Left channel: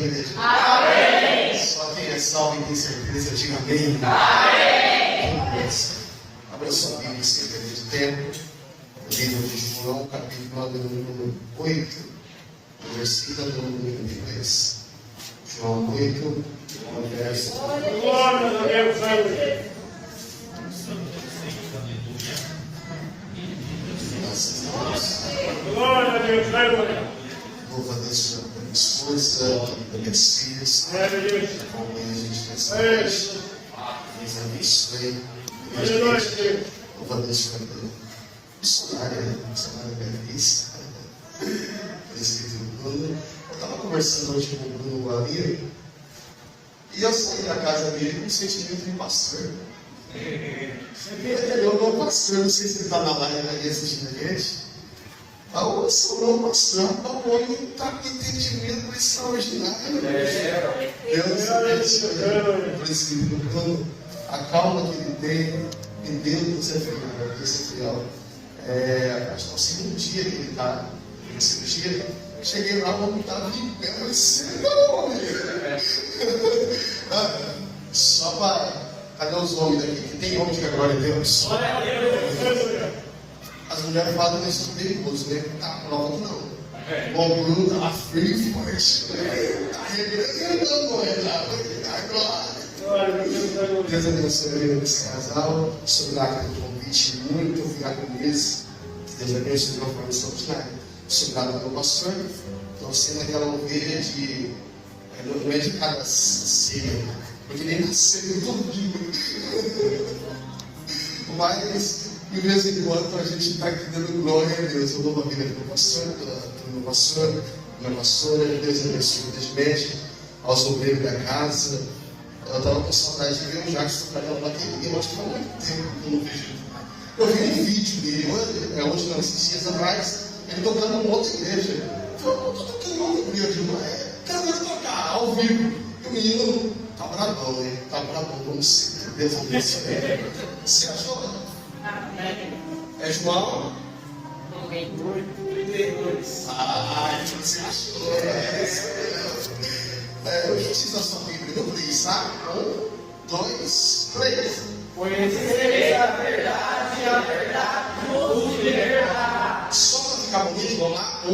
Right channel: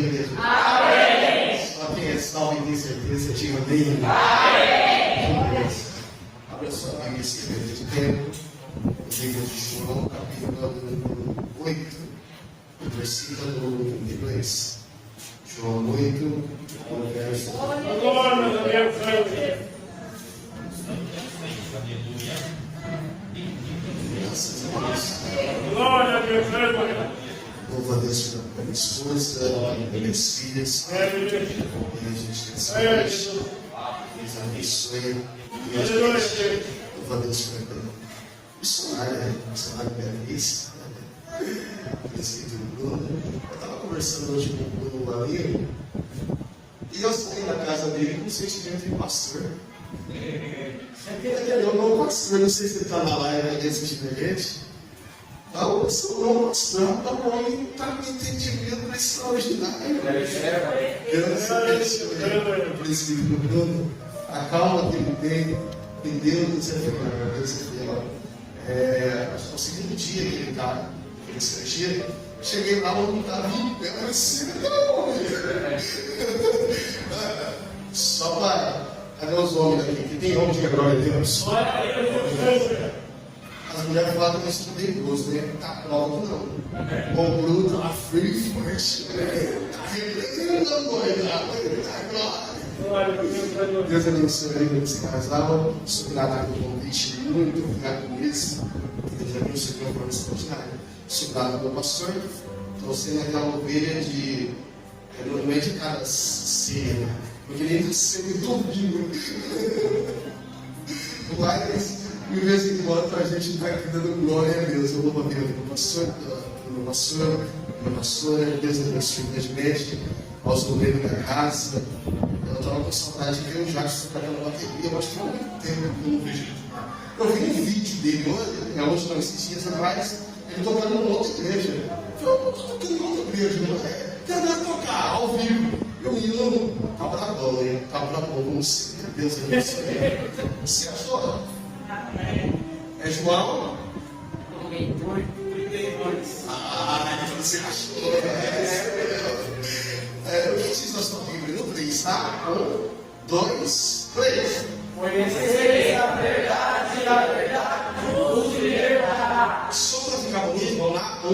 da igreja? Amém. Só quem é salvo e tem certeza, diga amém. Amém. Abra sua Bíblia, esquerda de tempo. Livro de João, capítulo número 8, versículo número 2. João 8, verso. Glória a Deus. Graças a Deus. Glória a Deus. Louva a Deus pela esforça, pelas filhas. Acompanha a gente nessa noite. Deus abençoe. Louva a Deus pela missionária, missionária Beatriz. Presbítero Bruno. Eu estava conversando hoje com o Bruno Gualinho e eu saí da casa dele com um sentimento de pastor. Eu não pastor, não sei se ele está na live ali assistindo a gente. Eu sou não pastor, a mãe está com entendimento extraordinário. Deus abençoe. Presbítero Bruno, a calma que ele tem em Deus é fiel. Deus é fiel. Acho que é o segundo dia que ele está em cirurgia. Cheguei lá, o homem estava em pé, eu disse, não, só para. Cadê os homens daqui? Que tem homem de glória a Deus? As mulheres falam que nós somos perigosos, né? Tá pronto, não. O Bruno estava frio e forte. Está glória. Deus abençoe esse casal. Sou grato pelo convite, muito obrigado mesmo. Deus abençoe de uma forma extraordinária. Sou grato pelo pastor. Então, sendo aquela ovelha de. Não é de cada ceia, porque ele nasceu todo dia. Mas, de vez em quando, a gente está aqui dando glória a Deus. Eu louvo a vida do pastor, do meu pastor, minha pastora. Deus abençoe grandemente aos obreiros da casa. Eu estava com saudade de ver o Jackson trabalhando na TV. Eu acho que há muito tempo que eu não vejo. Eu vi um vídeo dele hoje não, esses dias atrás, ele tocando em outra igreja. Eu falei, eu estou tocando em outra igreja, não é? Quero tocar ao vivo. E o menino tá bravão, né? Tá bravão, vamos ser. Deus abençoe. Você achou? É João? 32. Você achou? Vocês nós estamos em no 3, tá? 1, 2, 3. Conhecereis a verdade vos libertará. Só para ficar bonito, vamos lá? 1,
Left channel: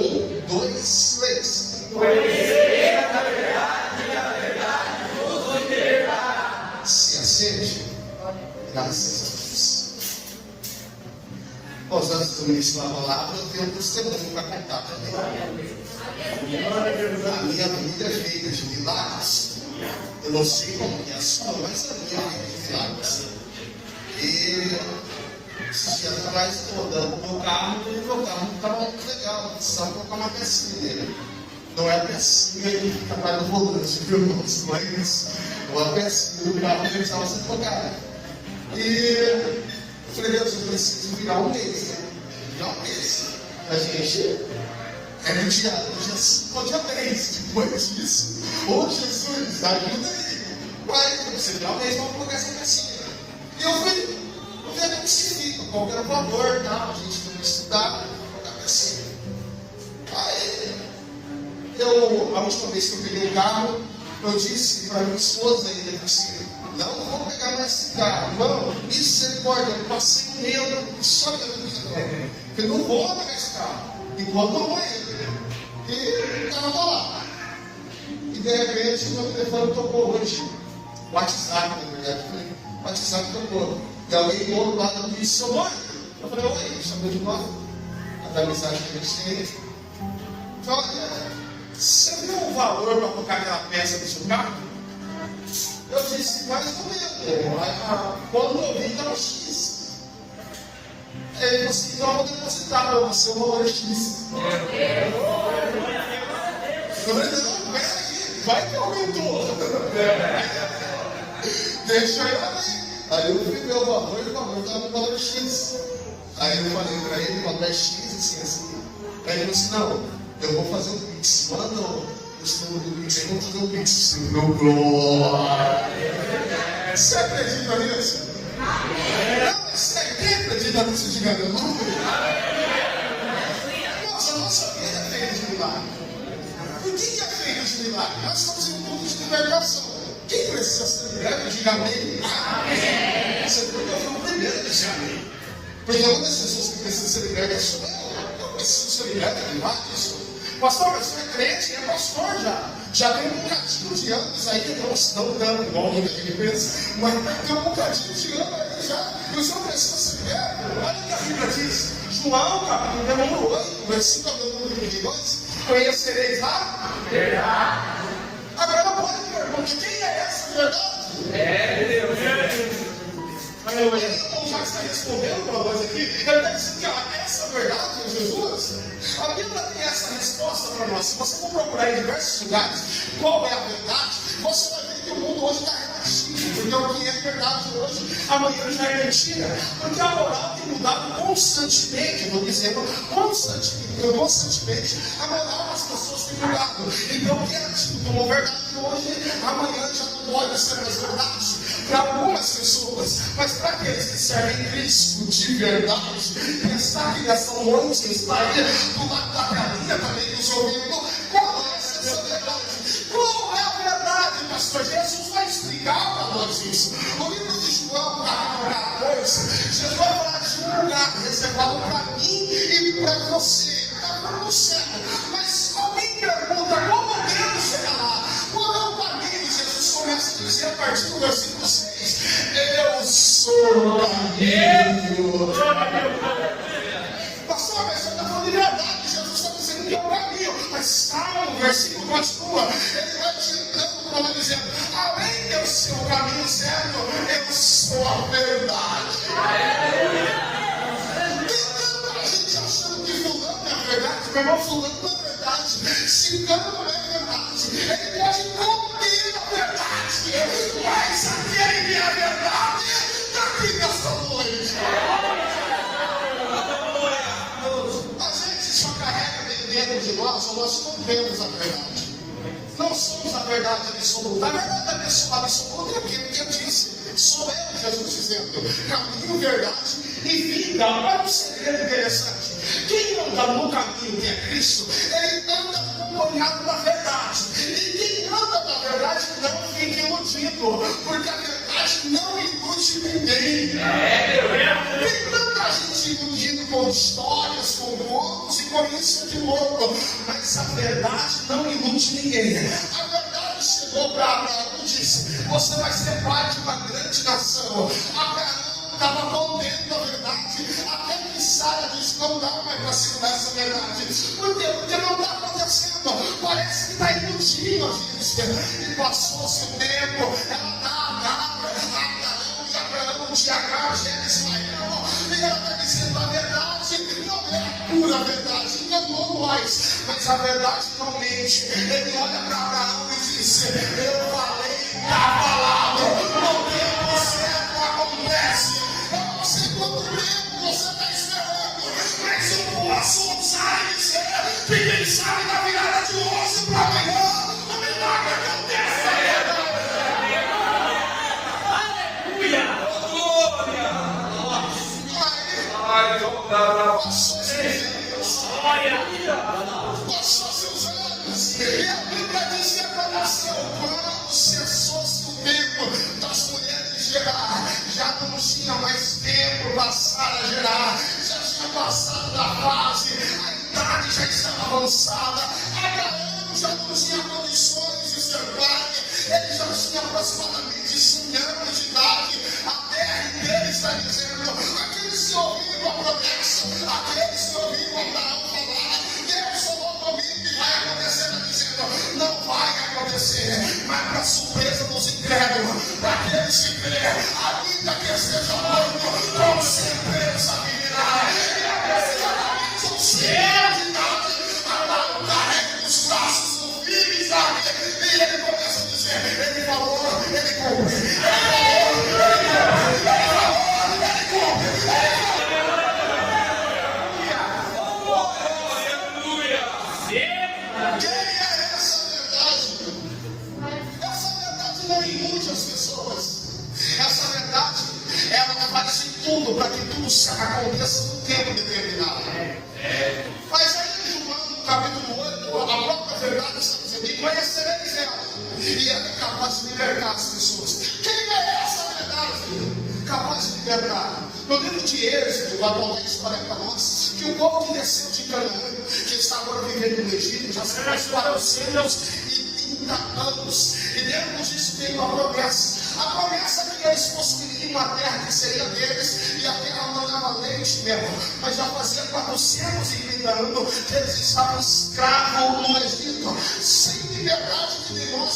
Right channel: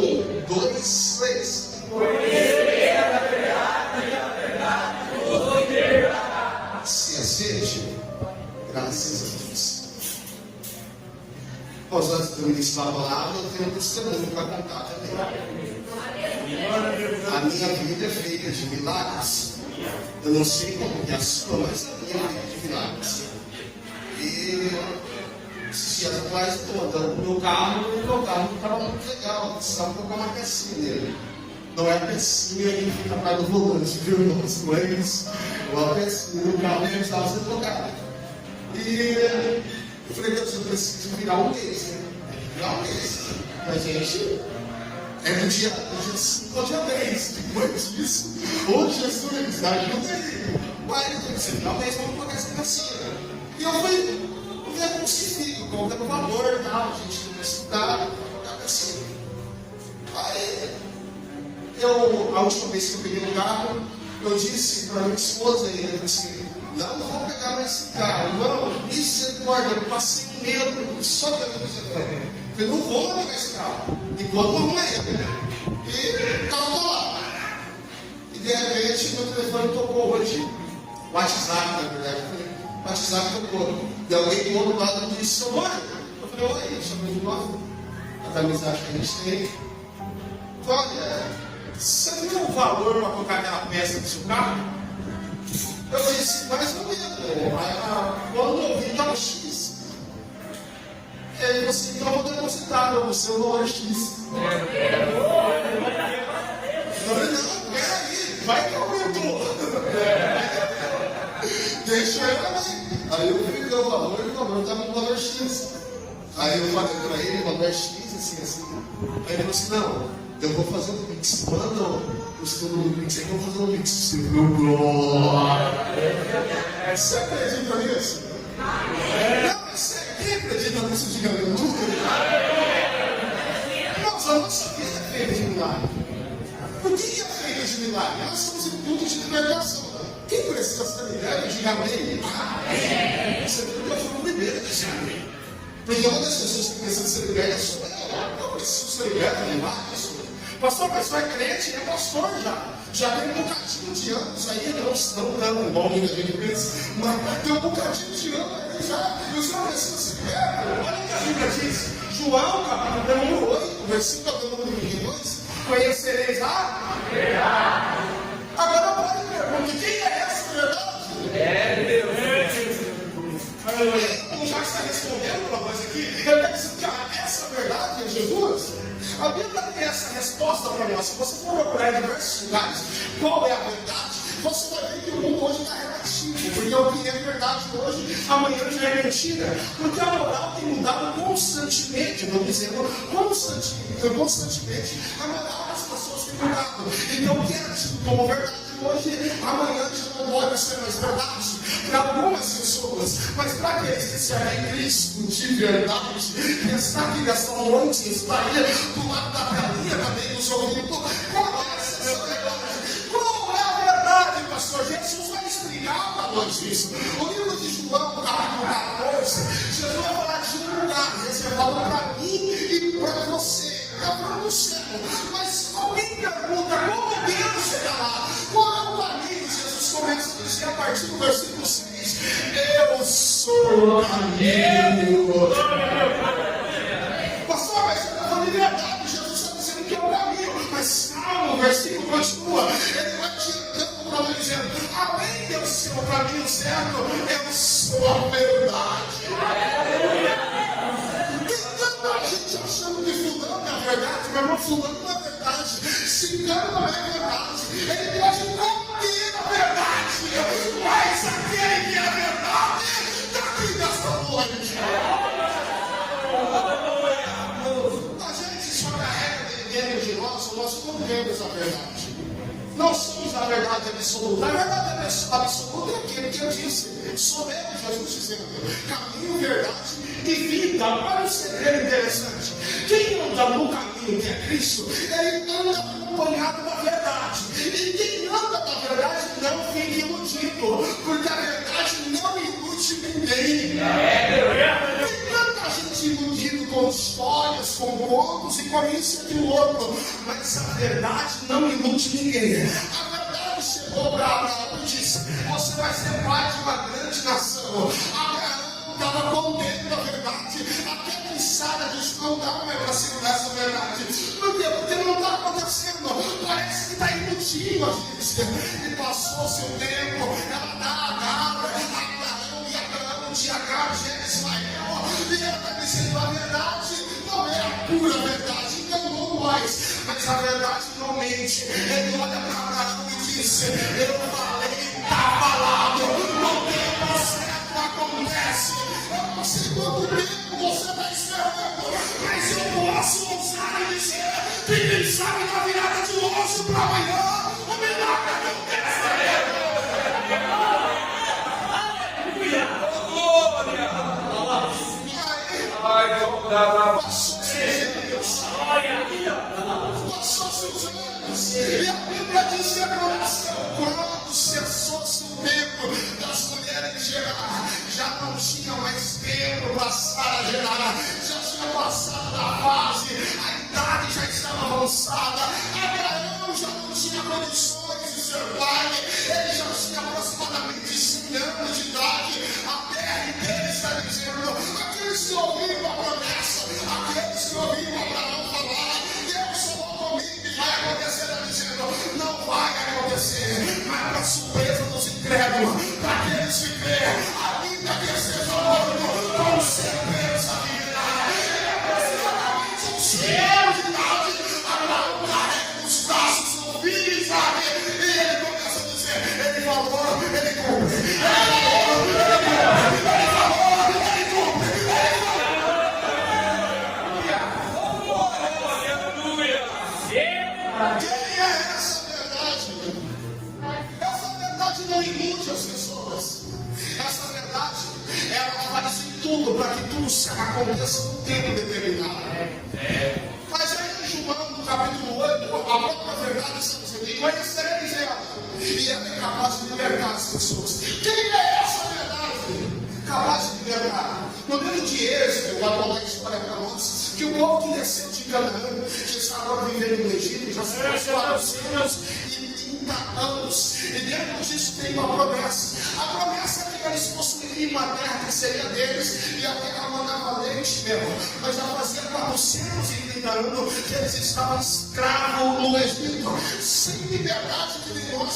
2, 3. Conhecereis a verdade vos libertará. Se aceite, graças a Deus. Bom, antes de eu iniciar a palavra, eu tenho um testemunho para contar também. A minha vida é feita de milagres. Eu não sei como que é a sua, mas a minha vida é de milagres. E esses dias atrás, estou andando com o meu carro estava muito legal. Precisava colocar uma pecinha nele. Não é a pecinha que fica atrás do volante, viu? Não é isso. É uma pecinha do carro que precisava ser trocada. E eu falei, Deus, eu preciso virar um mês, né? Virar um mês. A gente. No dia 5 ao dia 10, depois disso. Ô Jesus, ajuda aí. Mas você virar um mês para colocar essa pecinha. E eu fui ver como se fica, qual era o valor e tal. A gente tem que estudar, colocar assim. Aí, a última vez que eu peguei o carro, eu disse para minha esposa, ele disse, não vou pegar mais esse carro, não, misericórdia, eu passei um medo, só que eu não fiz agora. Eu não vou pegar esse carro, enquanto não é ele. E estava lá. E de repente, meu telefone tocou hoje. O WhatsApp, na verdade, o WhatsApp tocou. E alguém do outro lado me disse, seu nome? Eu falei, oi, chamei de novo. A amizade que a gente tem. Então, olha, você tem um valor para colocar aquela peça no seu carro? Eu disse, mais ou menos. Quando eu vi, estava X. Aí você, então eu vou depositar para você o valor X. Não, peraí, vai que aumentou. Deixa eu ali. Aí eu fui ver o valor e o valor estava no valor X. Aí eu falei para ele, o valor é X, assim. Aí ele falou assim, não, eu vou fazer o Pix. Manda o seu Pix, eu vou fazer o Pix. Meu glória. Você acredita nisso? Não, você acredita nisso de aleluia? Nossa, a nossa vida é feita de milagre. O que é feito de milagre? Nós estamos em um culto de libertação. Quem precisa ser liberto, diga amém. Amém. Você viu que eu fui o primeiro a dizer amém. Porque uma das pessoas que precisa ser liberta sou eu. Eu preciso ser liberta de vários. Pastor, mas você é crente, é pastor já. Já tem um bocadinho de anos aí, não tanto igual muita gente pensa, mas tem um bocadinho de anos aí já. E o senhor precisa ser liberto. Olha o que a Bíblia diz. João, capítulo número 8, versículo número 22. Conhecereis a verdade. Agora pode perguntar, quem é essa verdade? É Deus. Aleluia. Já que está respondendo para nós aqui, ele deve dizer que essa verdade é Jesus. A Bíblia tem essa resposta para nós. Se você for procurar em diversos lugares qual é a verdade, você vai ver que o mundo hoje está relativo. Porque o que é verdade hoje, amanhã já é mentira. Porque a moral tem mudado constantemente, não dizendo constantemente, a moral das pessoas tem mudado. Então o que é tido como verdade hoje, amanhã já não pode ser mais verdade. Para algumas pessoas, mas para aqueles que servem Cristo de verdade, que está aqui nessa noite, está aqui do lado da telinha também nos ouvindo, qual é essa verdade? Qual é a verdade, pastor? Jesus vai explicar para nós isso. O livro de João, capítulo 14, Jesus vai falar de um lugar reservado para mim e para você, para o céu. Mas alguém pergunta, como eu devo chegar lá? Qual é o caminho? Jesus começa a dizer a partir do versículo 6. Eu sou o caminho. Pastor, mas você está falando de verdade. Jesus está dizendo que é o caminho. Mas calma, o versículo continua. Ele vai te dando para nós dizendo: além de eu ser o caminho certo, eu sou a verdade. Tem tanta gente achando que fulano é a verdade. Meu irmão, fulano não é verdade. Ciclano não é verdade. Ele pode conter a verdade. Mas aquele que é a verdade está aqui nessa noite. A gente só carrega dentro de nós não vemos a verdade. Nós somos a verdade absoluta. A verdade absoluta é aquilo que eu disse. Sou eu, Jesus dizendo: caminho, verdade e vida. Olha um segredo interessante. Quem anda no caminho que é Cristo, ele anda acompanhado da verdade. E quem anda na verdade não fica iludido, porque a verdade não ilude ninguém. Tem tanta gente iludida com histórias, com contos e com isso e com outro, mas a verdade não ilude ninguém. A verdade chegou para Abraão e disse: você vai ser pai de uma grande nação. Abraão estava contendo a verdade, até que Sara disse: não dá mais para segurar essa verdade. Por quê? Porque não está acontecendo. Parece que está iludindo a gente. E passou-se o tempo, ela dá Abraão de Agar, gera Ismael. E ela está dizendo: a verdade não é a pura verdade, enganou mais. Mas a verdade não mente. Ele olha para Abraão e disse: eu falei, está falado, no tempo certo acontece. Eu não sei quanto tempo você está esperando, mas eu posso usar e dizer que quem sabe da virada de hoje para amanhã, o milagre acontece. Aleluia! Glória! Passou seus anos, e a Bíblia diz que aconteceu quando cessou-se o tempo das mulheres gerar, já não tinha mais tempo para Sara gerar, já tinha passado da fase, a idade já estava avançada, Abraão já não tinha condições de ser pai, ele já tinha aproximadamente 100 anos de idade. A terra inteira está dizendo: aqueles que ouviram a promessa, aqueles que ouviram Abraão falar, Deus falou comigo que vai acontecer, está dizendo: não vai acontecer. Mas para surpresa dos incrédulos, para aqueles que creem, ainda que esteja morto, com certeza viverá. Ele é precisamente um céu de idade, Abraão carrega os braços do filho de Isaac, e ele começa a dizer: ele falou, ele cumpre, ele falou, ele cumpre, ele quem é essa verdade? Essa verdade não ilude as pessoas. Essa verdade, ela aparece em tudo para que tudo aconteça num tempo determinado. Mas aí em João, no capítulo 8, a própria verdade está dizendo: e conhecer verdade. No livro de Êxodo, vai contar a história para nós, que o povo que desceu de Canaã, que está agora vivendo no Egito, já se faz 430 anos, e dentro disso veio uma promessa. A promessa que eles possuiriam uma terra que seria deles, e a terra mandava leite mesmo. Mas já fazia 430 anos que eles estavam escravos no Egito, sem liberdade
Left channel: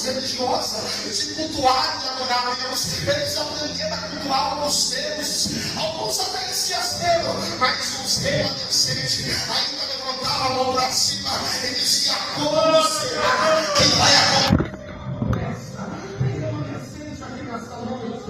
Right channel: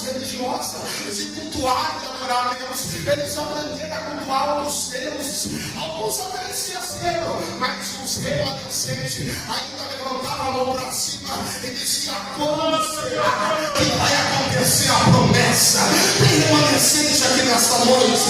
religiosa, de cultuar e adorar a Deus. Eles aprenderam a cultuar os deuses. Alguns até esqueceram, mas os remanescentes ainda levantavam a mão para cima e diziam: quando será que vai acontecer a promessa? Tem remanescente aqui nesta noite.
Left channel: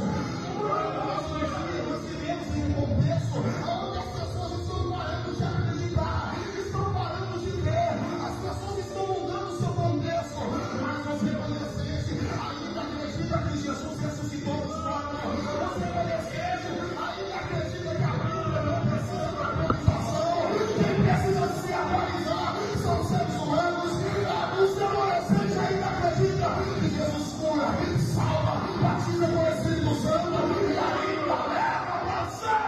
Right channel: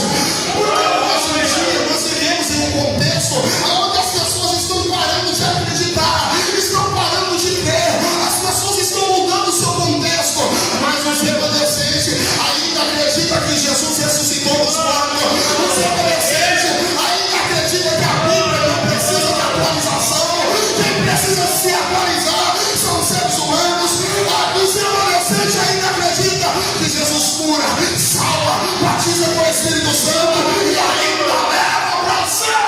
Porque hoje em dia nós vivemos em um contexto onde as pessoas estão parando de acreditar, estão parando de ver, as pessoas estão mudando o seu contexto, mas os remanescentes ainda acreditam que Jesus ressuscitou dos mortos. Os remanescentes ainda acreditam que a Bíblia não precisa de atualização. Quem precisa se atualizar são os seres humanos. Os remanescentes ainda acreditam que Jesus cura, salva, batiza com o Espírito Santo e ainda leva para o céu.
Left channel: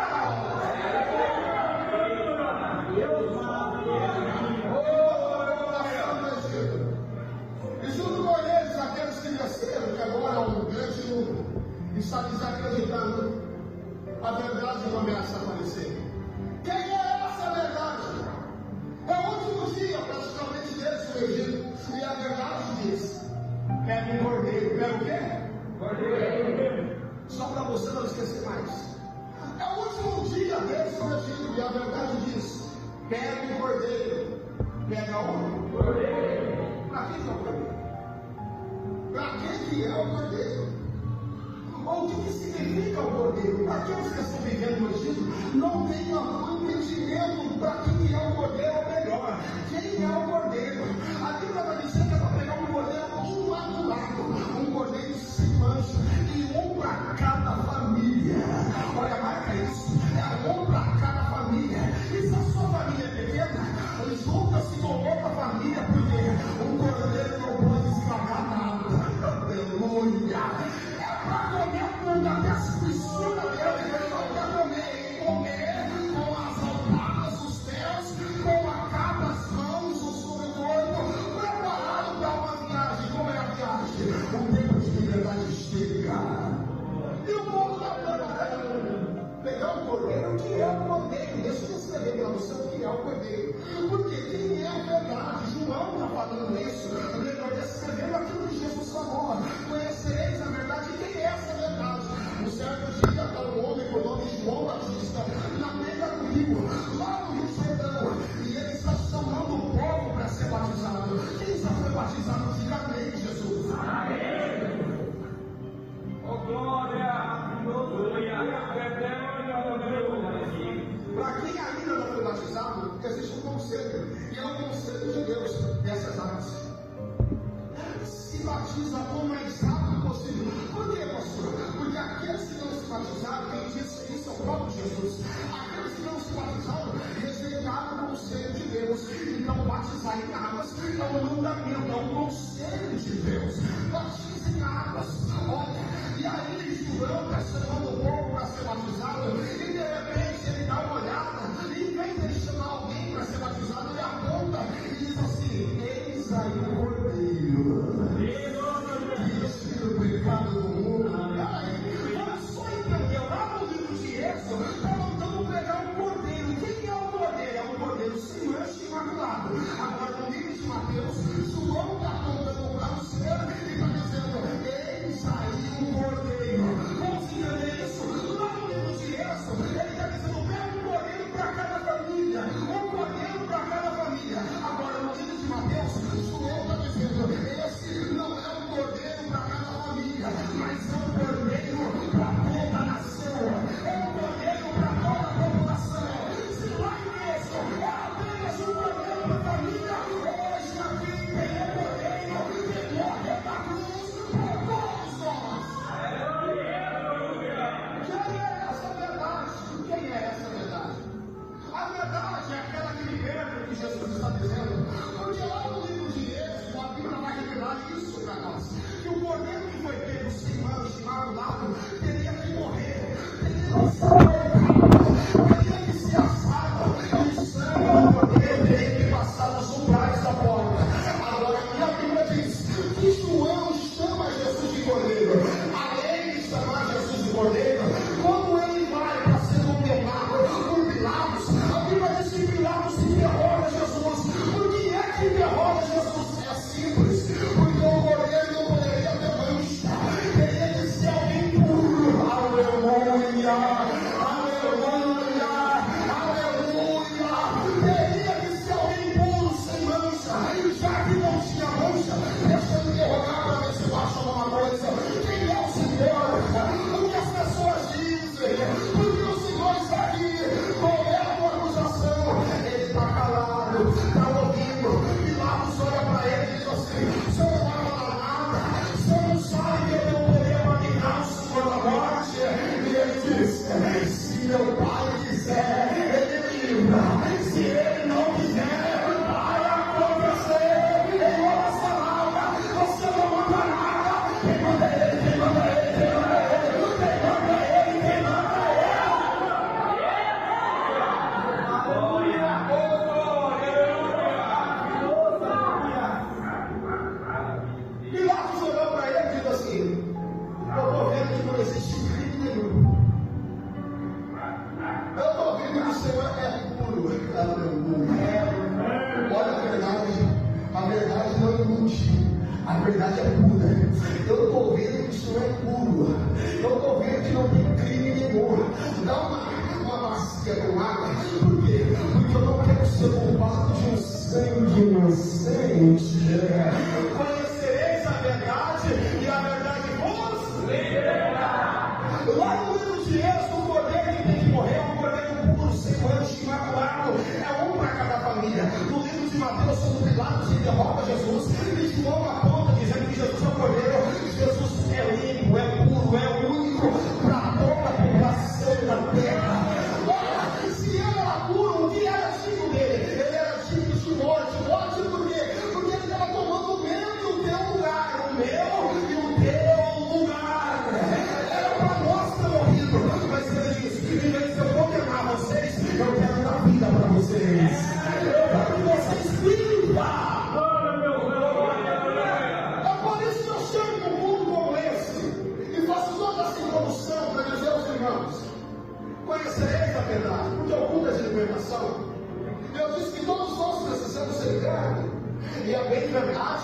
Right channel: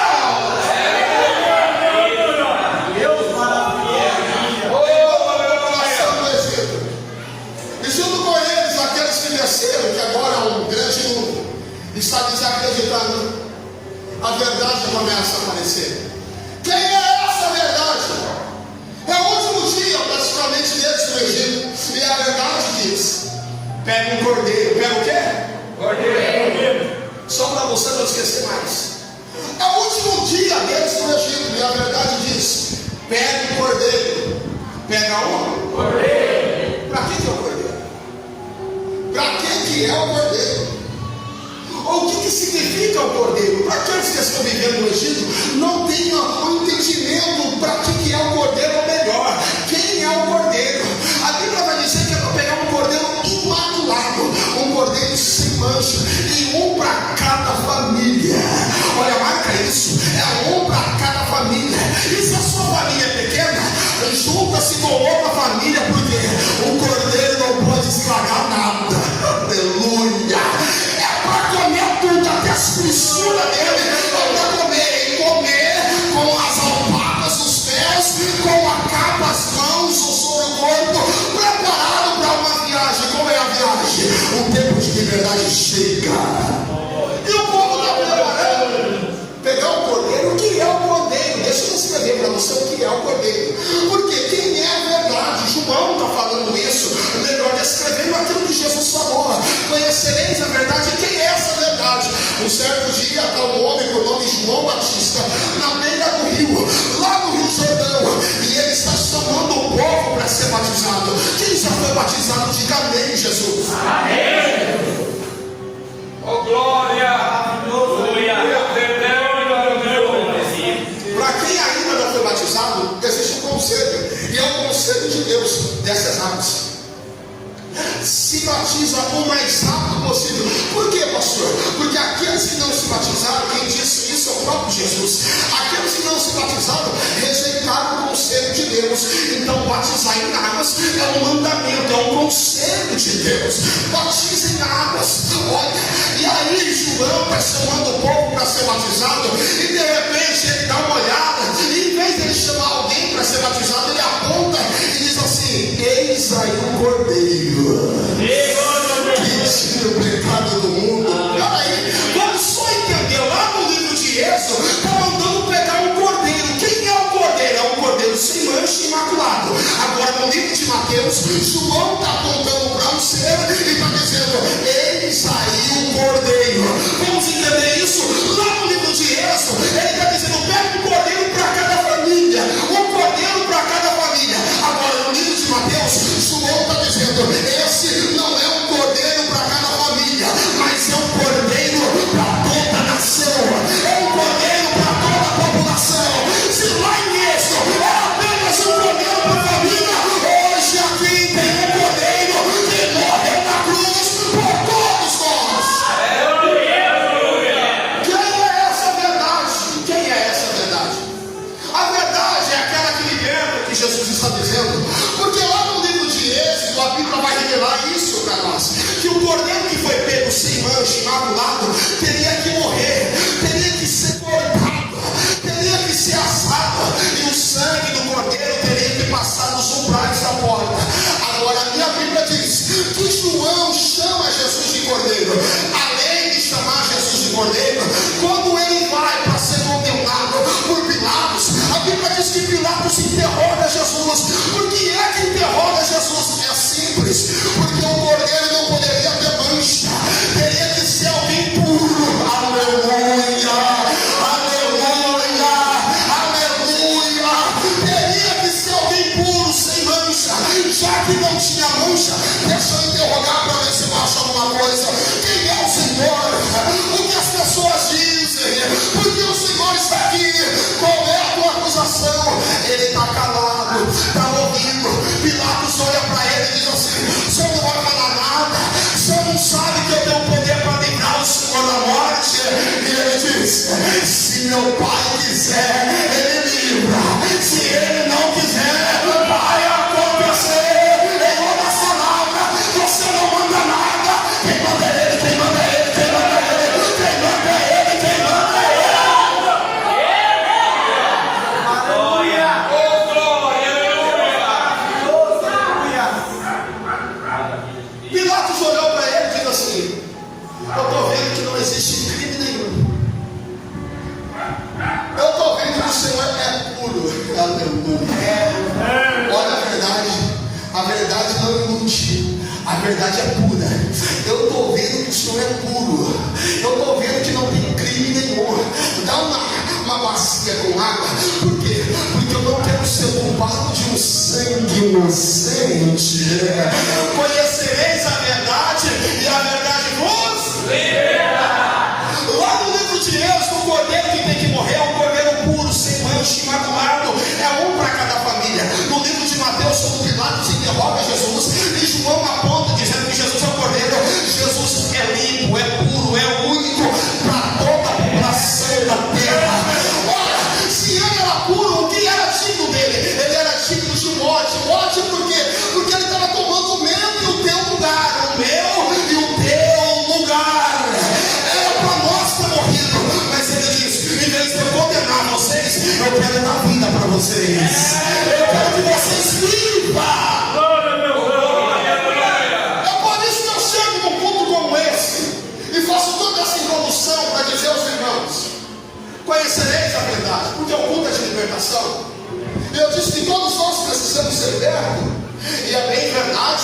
E junto com eles, aqueles que desceram, que agora é um grande número, está desacreditando. A verdade começa a aparecer. Quem é essa verdade? É o último dia praticamente deles no Egito, e a verdade diz: pega um cordeiro. Pega o quê? Cordeiro. Só para você não esquecer mais. É o último dia deles no Egito, e a verdade diz: pega um cordeiro. Pega um cordeiro. Para que é o cordeiro? Para que é o cordeiro? Ou o que significa o cordeiro? Para aqueles que estão vivendo no Egito, não tem um entendimento para que é o cordeiro, ou melhor, quem é o cordeiro. A Bíblia vai dizer que é para pegar um cordeiro imaculado, um cordeiro sem mancha, e um para cada família. Olha, marca isso, é um para cada família. E se a sua família é pequena, junta-se com outra família, porque o cordeiro não pode estragar nada. Aleluia! É para comer tudo, até as fissuras dele, para comer com as alpadas dos pés, com a capa, as mãos, sobre o corpo, preparado para uma viagem. Como é a viagem? O tempo de liberdade chega. E o povo está preparando. Pegar o cordeiro. O que é o cordeiro? Deixa eu escrever para você o que é o cordeiro. Porque quem é a verdade? João está falando isso, melhor descrevendo aquilo que Jesus falou. Conhecereis a verdade. Quem é essa verdade? Um certo dia está um homem com o nome João Batista na beira do rio, lá no Rio Jordão, e ele está chamando o povo para ser batizado. Quem já foi batizado, diga amém, Jesus. Amém. Oh, glória. Para quem ainda não foi batizado, existe um conselho, e é o conselho de Deus dessas águas: se batiza o mais rápido possível. Por quê, pastor? Porque aqueles que não se batizaram, quem disse isso é o próprio Jesus. Aqueles que não se batizaram rejeitaram o conselho de Deus. Então batizar em águas é um mandamento, é um conselho de Deus. Batiza em águas. Olha, e aí João está chamando o povo para ser batizado, e de repente ele dá uma olhada, e em vez de ele chamar alguém para ser batizado, ele aponta e diz assim: eis aí o cordeiro que tira o pecado do mundo. Aí, vamos só entender, lá no livro de Êxodo está mandando pegar um cordeiro. Quem é o cordeiro? É um cordeiro sem mancha, imaculado. Agora no livro de Mateus, João está apontando para um ser e está dizendo: eis aí o cordeiro. Vamos entender isso? Lá no livro de Êxodo ele está dizendo: pega um cordeiro para cada família, um cordeiro para cada família. Agora no livro de Mateus, João está dizendo: esse não é um cordeiro para cada família, mas é um cordeiro para toda a nação, é um cordeiro para toda a população. Se lá em Êxodo é apenas um cordeiro para a família, hoje aqui tem um cordeiro que morreu na cruz por todos nós. Quem é essa verdade? Quem é essa verdade? A verdade é aquela que liberta, que Jesus está dizendo, porque lá no livro de Êxodo a Bíblia vai revelar isso para nós, que o cordeiro que foi pego sem mancha, imaculado, teria que morrer, teria que ser Cordeiro, quando ele vai para ser condenado por Pilatos, a Bíblia diz que Pilatos interroga Jesus. Por que é que interroga Jesus? É simples, porque o Cordeiro não poderia ter mancha, teria que ser alguém puro. Aleluia, aleluia, aleluia. Teria que ser alguém puro, sem mancha. Já que não tinha mancha, deixa eu interrogar para ver se eu acho alguma coisa. Quem é o Senhor? O que as pessoas dizem? Porque o Senhor está aqui. Qual é a tua acusação? Ele está calado, está ouvindo. Pilatos olha para ele e diz assim: o senhor não vai falar nada? O senhor não sabe que eu tenho poder para livrar o Senhor da morte? E ele diz: se meu pai quiser, ele livra. Se ele não quiser, vai acontecer. Em outra palavra, você não manda nada. Quem manda é ele, quem manda é ele, quem manda é ele, quem manda é ele, quem manda é ele. Pilatos olhou para ele e disse assim: eu estou vendo que não existe crime nenhum. Eu estou vendo que o Senhor é puro. Aleluia. Olha a verdade não ilude, a verdade é pura. Eu estou vendo que o Senhor é puro. Eu estou vendo que não tem crime nenhum. Dá uma bacia com água. Por quê? Porque eu não quero ser culpado de um sangue inocente. Conhecereis a verdade e a verdade vos libertará. Lá no livro de Êxodo, o cordeiro que tem que morrer é um cordeiro puro, sem mancha, imaculado. É um para cada família. No livro de Mateus, quando Pilatos interroga Jesus, e João aponta dizendo que Jesus é o cordeiro. Jesus é limpo, é puro, é único para toda a população da terra. Ora, se ele era puro, o que era digno dele? Ele era digno de morte. Morte por quê? Porque ele estava tomando o meu e o teu lugar. O meu e o teu lugar. Era para nós ter morrido. Mas ele disse: em vez de eu condenar vocês, eu quero dar vida para vocês. Eu quero que vocês vivam. É por isso que eu chego num culto como esse e faço toda essa introdução para dizer aos irmãos: conhecereis a verdade, porque é um culto de libertação. Eu disse que todos nós precisamos ser libertos. E é bem verdade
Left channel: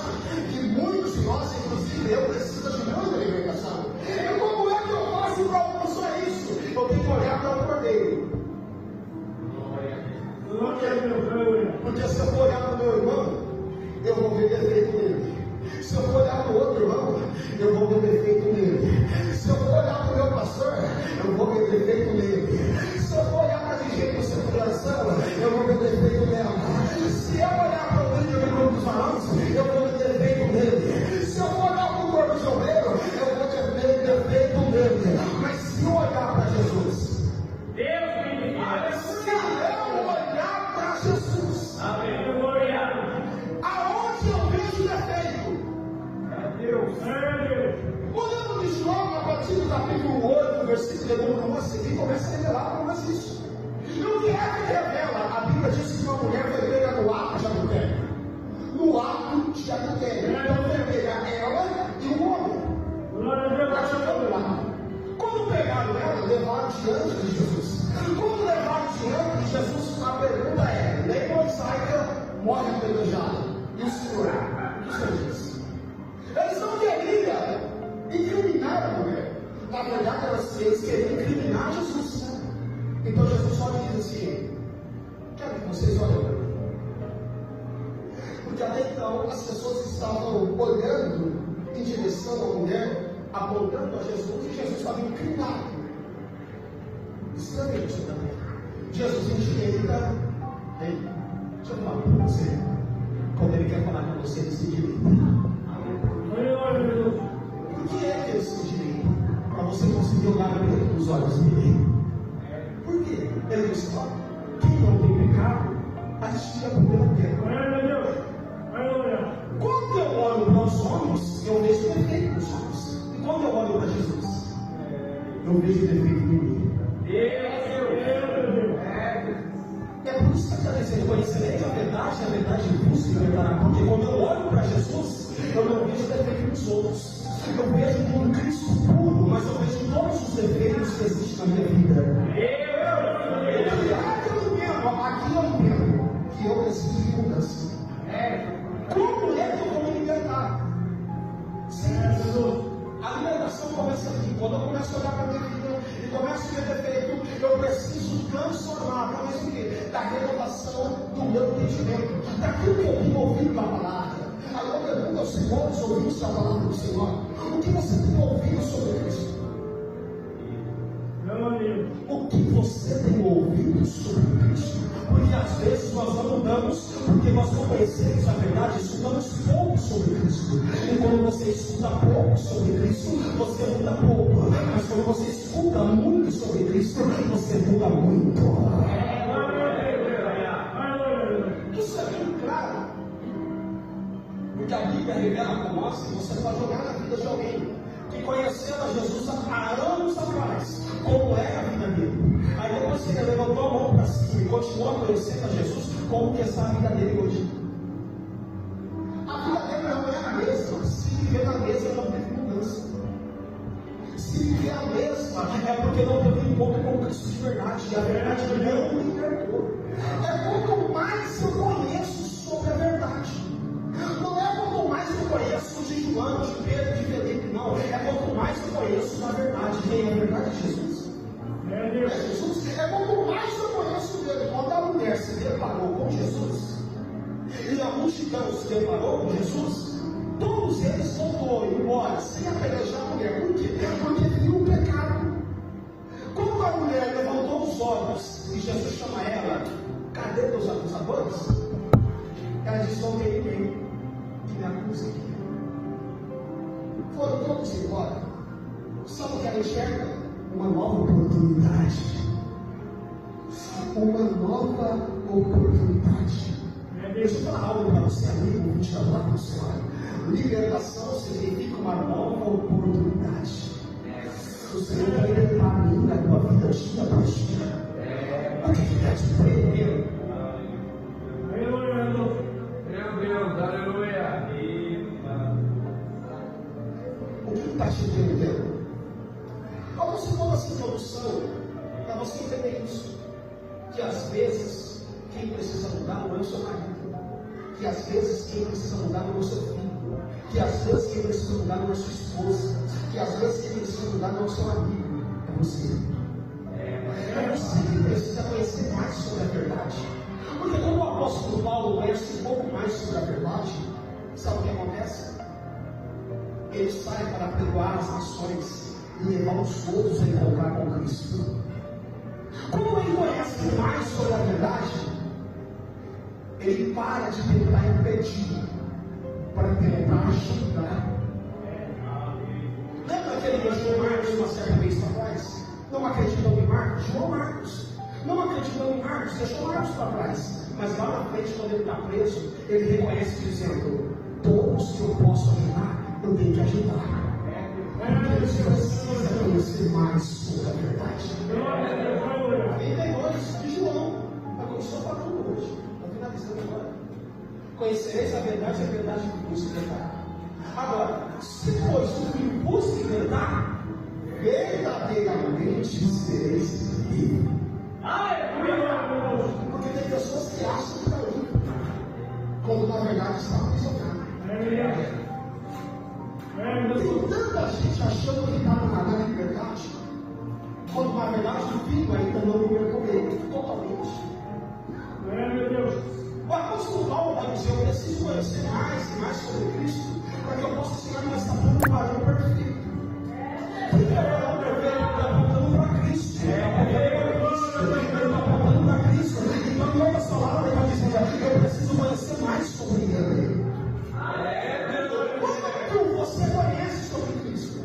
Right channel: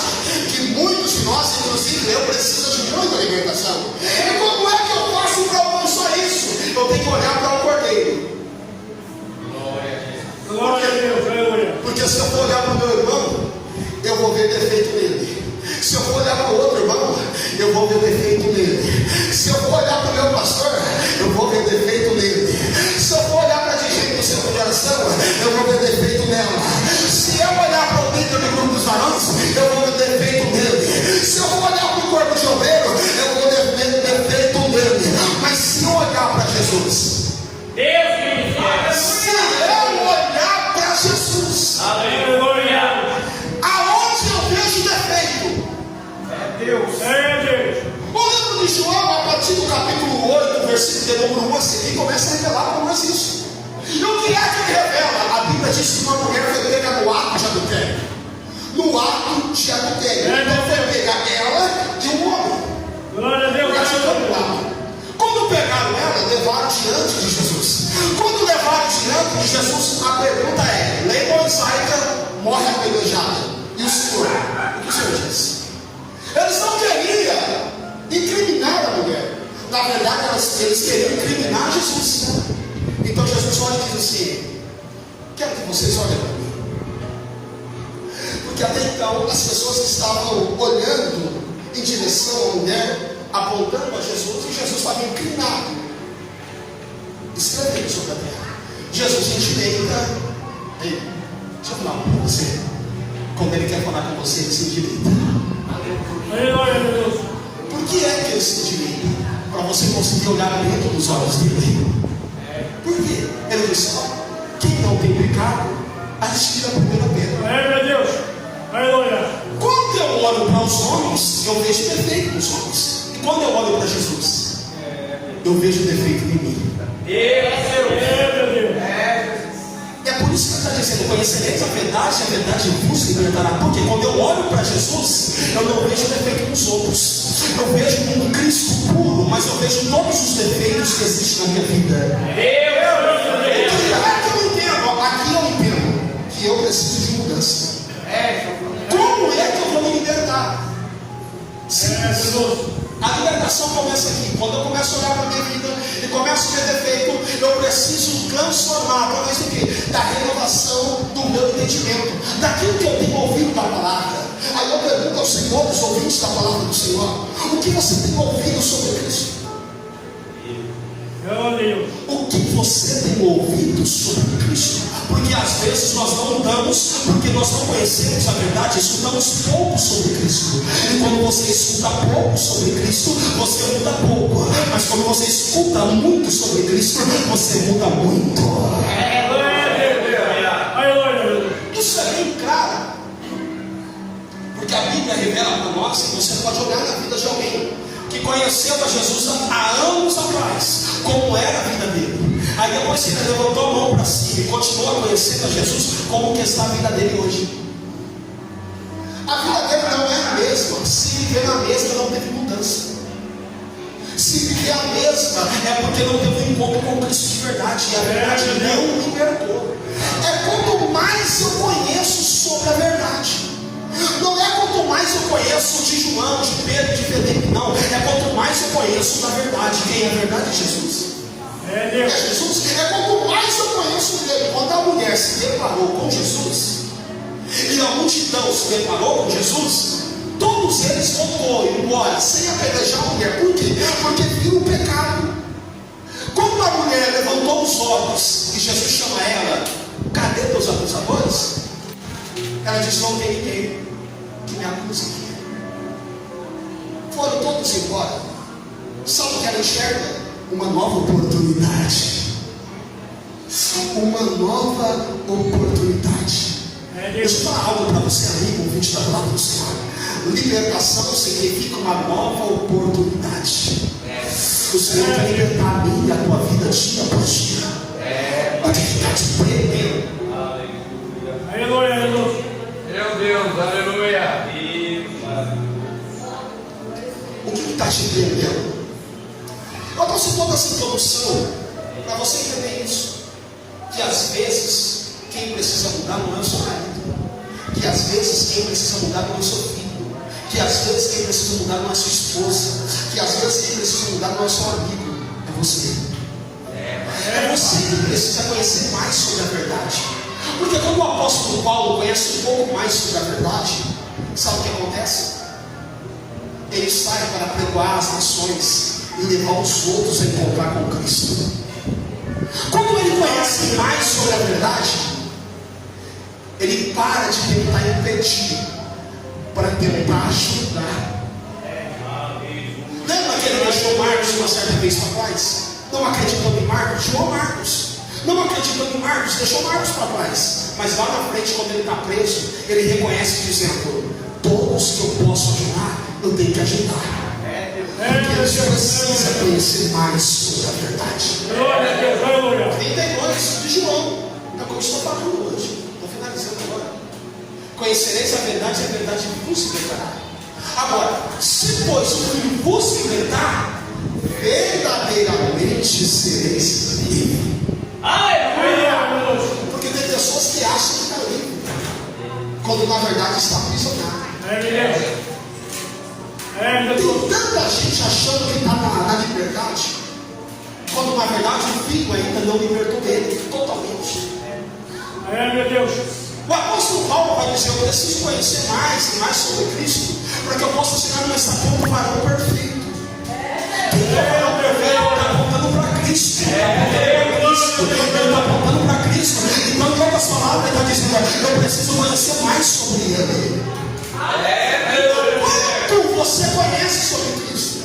que muitos de nós, inclusive eu, precisam de muita libertação. E como é que eu faço para alcançar isso? Eu tenho que olhar para o Cordeiro. Porque se eu for olhar para o meu irmão, eu vou ver defeito nele. Se eu for olhar para o outro irmão, eu vou ver defeito nele. Se eu for olhar para o meu pastor, eu vou ver defeito nele. Se eu for olhar para a dirigente do centro de oração, eu vou ver defeito nela. Se eu olhar para o líder do grupo dos varões, eu vou ver defeito nele. Se eu for olhar para o corpo de obreiro, eu vou ver defeito nele. Mas se eu olhar para Jesus, se eu olhar para Jesus, Aleluia. aonde eu vejo defeito? Deus. O livro de João, a partir do capítulo 8, versículo de número 1 a seguir, começa a revelar para nós isso. E o que é que ele revela? A Bíblia diz que uma mulher foi pega no ato de adultério. No ato de adultério. Então foi pegar ela e um homem. Glória a Deus. Quando pegaram ela, levaram diante de Jesus. Quando levaram diante de Jesus, a pergunta é: lei mosaica morre apedrejada. E o Senhor? O que o Senhor diz? Eles não queriam incriminar a mulher. Na verdade, eles queriam incriminar Jesus. Então Jesus olha e diz assim: quero que vocês olhem para mim. Porque até então as pessoas estavam olhando em direção à mulher, apontando a Jesus, e Jesus estava inclinado, escrevendo sobre a terra. Jesus endireita. Ei, deixa eu falar uma para você. Quando ele quer falar com você, ele se endireita. Por que é que ele se endireita? Para você conseguir olhar dentro dos olhos dele. Por quê? Ele disse: quem não tem pecado, atira a primeira pedra. Quando eu olho para os homens, eu vejo defeito nos homens. E quando eu olho para Jesus, eu vejo defeito em mim. É por isso que ele está dizendo: conhecereis a verdade vos libertará. Porque quando eu olho para Jesus, eu não vejo defeito nos outros. Eu vejo um Cristo puro, mas eu vejo todos os defeitos que existem na minha vida. Aqui eu entendo que eu preciso de mudança. Como é que eu vou me libertar? A libertação começa aqui. Quando eu começo a olhar para a minha vida e começo a ver defeito, eu preciso transformar através do quê? Da renovação do meu entendimento, daquilo que eu tenho ouvido da palavra. Aí eu pergunto aos senhores, ouvintes da palavra do Senhor: o que você tem ouvido sobre Cristo? O que você tem ouvido sobre Cristo? Porque às vezes nós não mudamos, porque nós não conhecemos a verdade, escutamos pouco sobre Cristo. E quando você escuta pouco sobre Cristo, você muda pouco. Mas quando você escuta muito sobre Cristo, você muda muito. Isso é bem claro, porque a Bíblia revela para nós que você pode olhar na vida de alguém que conheceu a Jesus há anos atrás, como era a vida dele. Aí depois que ele levantou a mão para cima e continua conhecendo a Jesus, como que está a vida dele hoje? A vida dele não é a mesma. Se viver na mesma, não teve mudança. Se viver a mesma, é porque não teve um encontro com Cristo de verdade, e a verdade não libertou. É quanto mais eu conheço sobre a verdade. Não é quanto mais eu conheço de João, de Pedro, de Felipe, não. É quanto mais eu conheço da verdade. Quem é a verdade? Jesus. É Jesus. É quanto mais eu conheço dele. Quando a mulher se deparou com Jesus e a multidão se deparou com Jesus, todos eles foram embora sem apedrejar a mulher. Por quê? Porque viu o pecado. Quando a mulher levantou os olhos e Jesus chama ela: cadê teus acusadores? Ela disse: não tem ninguém que me acuse aqui. Foram todos embora. Sabe o que ela enxerga? Uma nova oportunidade. Uma nova oportunidade. Deixa eu falar algo para você, amigo, ouvinte da palavra do Senhor. Libertação significa uma nova oportunidade. O Senhor quer libertar a mim e a tua vida dia após dia. Pode ficar te prendendo. Aleluia. Meu Deus, aleluia. O que está te prendendo? Eu trouxe toda essa introdução para você entender isso. Que às vezes quem precisa mudar não é o seu marido. Que às vezes quem precisa mudar não é o seu filho. Que às vezes quem precisa mudar não é sua esposa. Que às vezes quem precisa mudar não é seu amigo. É você. É você que precisa conhecer mais sobre a verdade. Porque quando o apóstolo Paulo conhece um pouco mais sobre a verdade, sabe o que acontece? Ele sai para pregoar as nações e levar os outros a encontrar com Cristo. Quando ele conhece mais sobre a verdade, ele para de tentar impedir para tentar ajudar. Lembra que ele deixou Marcos uma certa vez para trás? Não acreditando em Marcos, deixou Marcos. Não acreditando em Marcos, deixou Marcos para trás. Mas lá na frente, quando ele está preso, ele reconhece dizendo: todos que eu posso ajudar, eu tenho que ajudar. Porque você precisa conhecer mais sobre a verdade. 32 de João. É o que eu estou falando hoje. Estou finalizando agora. Conhecereis a verdade vos libertará. Agora, se pois o Filho vos libertar, verdadeiramente sereis livres. Porque tem pessoas que acham que está livre, quando na verdade está aprisionado. Tem tanta gente achando que está na liberdade, quando na verdade o filho ainda não libertou dele totalmente. Meu Deus. O apóstolo Paulo vai dizer: eu preciso conhecer mais e mais sobre Cristo, para que eu possa chegar nessa ponta do varão perfeito. O varão perfeito está apontando para Cristo. Ele está apontando para Cristo. Então, em outras palavras, ele está dizendo: eu preciso conhecer mais sobre Ele. Quanto você conhece sobre Cristo?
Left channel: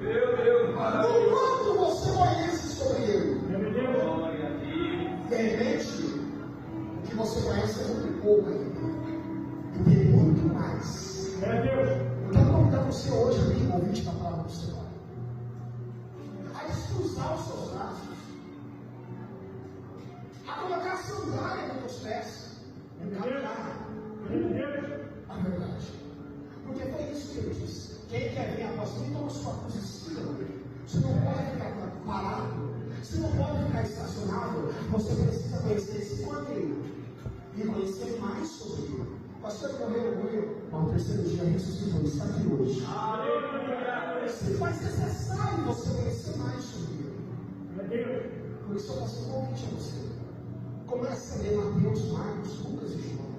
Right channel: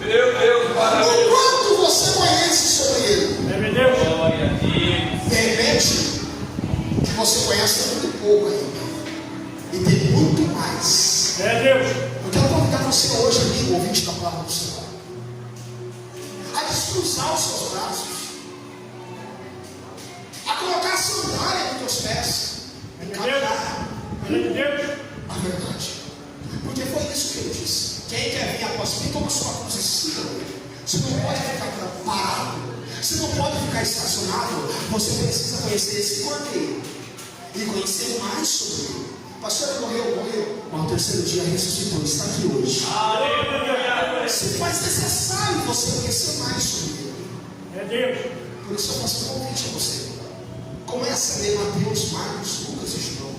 Meu Deus, parabéns. O quanto você conhece sobre Ele? Meu Deus. De repente, o que você conhece é muito pouco ainda. E tem muito mais. Meu Deus. Eu quero convidar você hoje, amigo, ouvinte da palavra do Senhor, a descruzar os seus braços, a colocar a sandália pés e Ele é caminhar de Deus. a verdade. Porque foi isso que ele disse. Quem quer vir após mim, toma sua cruz e siga-me. Você não pode ficar parado. Você não pode ficar estacionado. Você precisa conhecer esse cordeiro e conhecer mais sobre ele. Pastor, ele morreu. Mas no terceiro dia ressuscitou, está aqui hoje. Se faz necessário você conhecer mais sobre ele. É Deus. Por isso eu faço um convite a você. Comece a ler Mateus, Marcos, Lucas e João.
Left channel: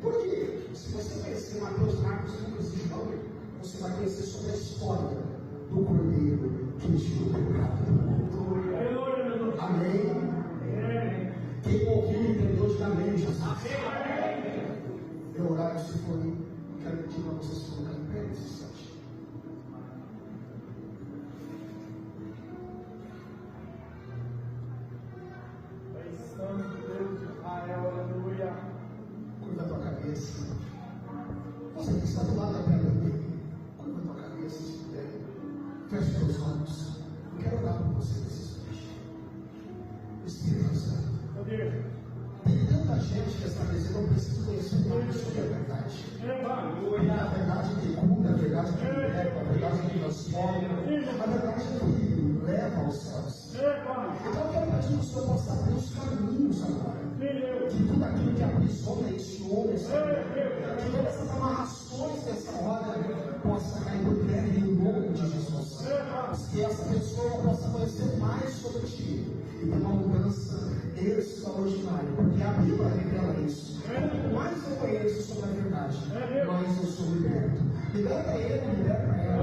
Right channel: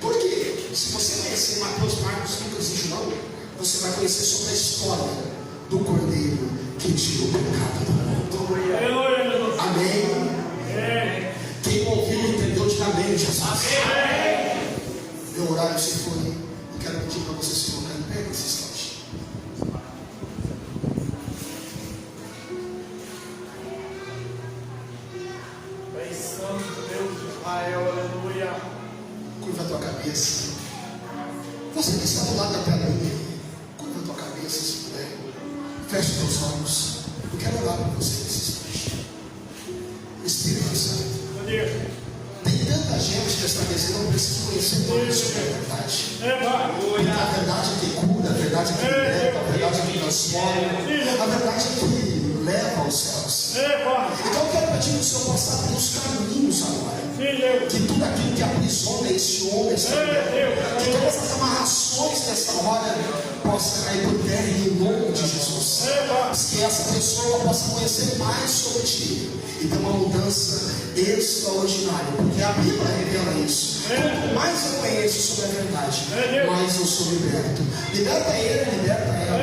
Por quê? Se você conhecer Mateus, Marcos, Lucas e João, você vai conhecer sobre a história do cordeiro que tirou o pecado do mundo. Aleluia, Jesus. Amém. É. Quem ouviu entendeu de amém, Jesus. Meu horário se foi. Eu quero pedir para você se colocar em pé nesse instante. Pai Santo, Deus de Israel, aleluia. Curva a tua cabeça. Você que está do lado da telinha, curva a tua cabeça se puder. Feche teus olhos. Eu quero orar para você nesse instante. Espírito Santo. É Deus. Tem tanta gente que está dizendo, eu preciso conhecer mais sobre a verdade. É, Pai. Porque a verdade que cura, a verdade que liberta, a verdade que transforma, a verdade que leva aos céus. É, Pai. Então eu quero pedir que o Senhor possa abrir os caminhos agora. Sim, Deus. Que tudo aquilo que aprisiona esse homem, essa mulher, Deus. que todas as amarrações dessa hora possam cair por terra em nome de Jesus. É, Pai. Que essa pessoa possa conhecer mais sobre ti e ter uma mudança extraordinária, porque a Bíblia revela isso. Quanto mais eu conheço sobre a verdade, mais eu sou liberto. Liberta ele, liberta ela.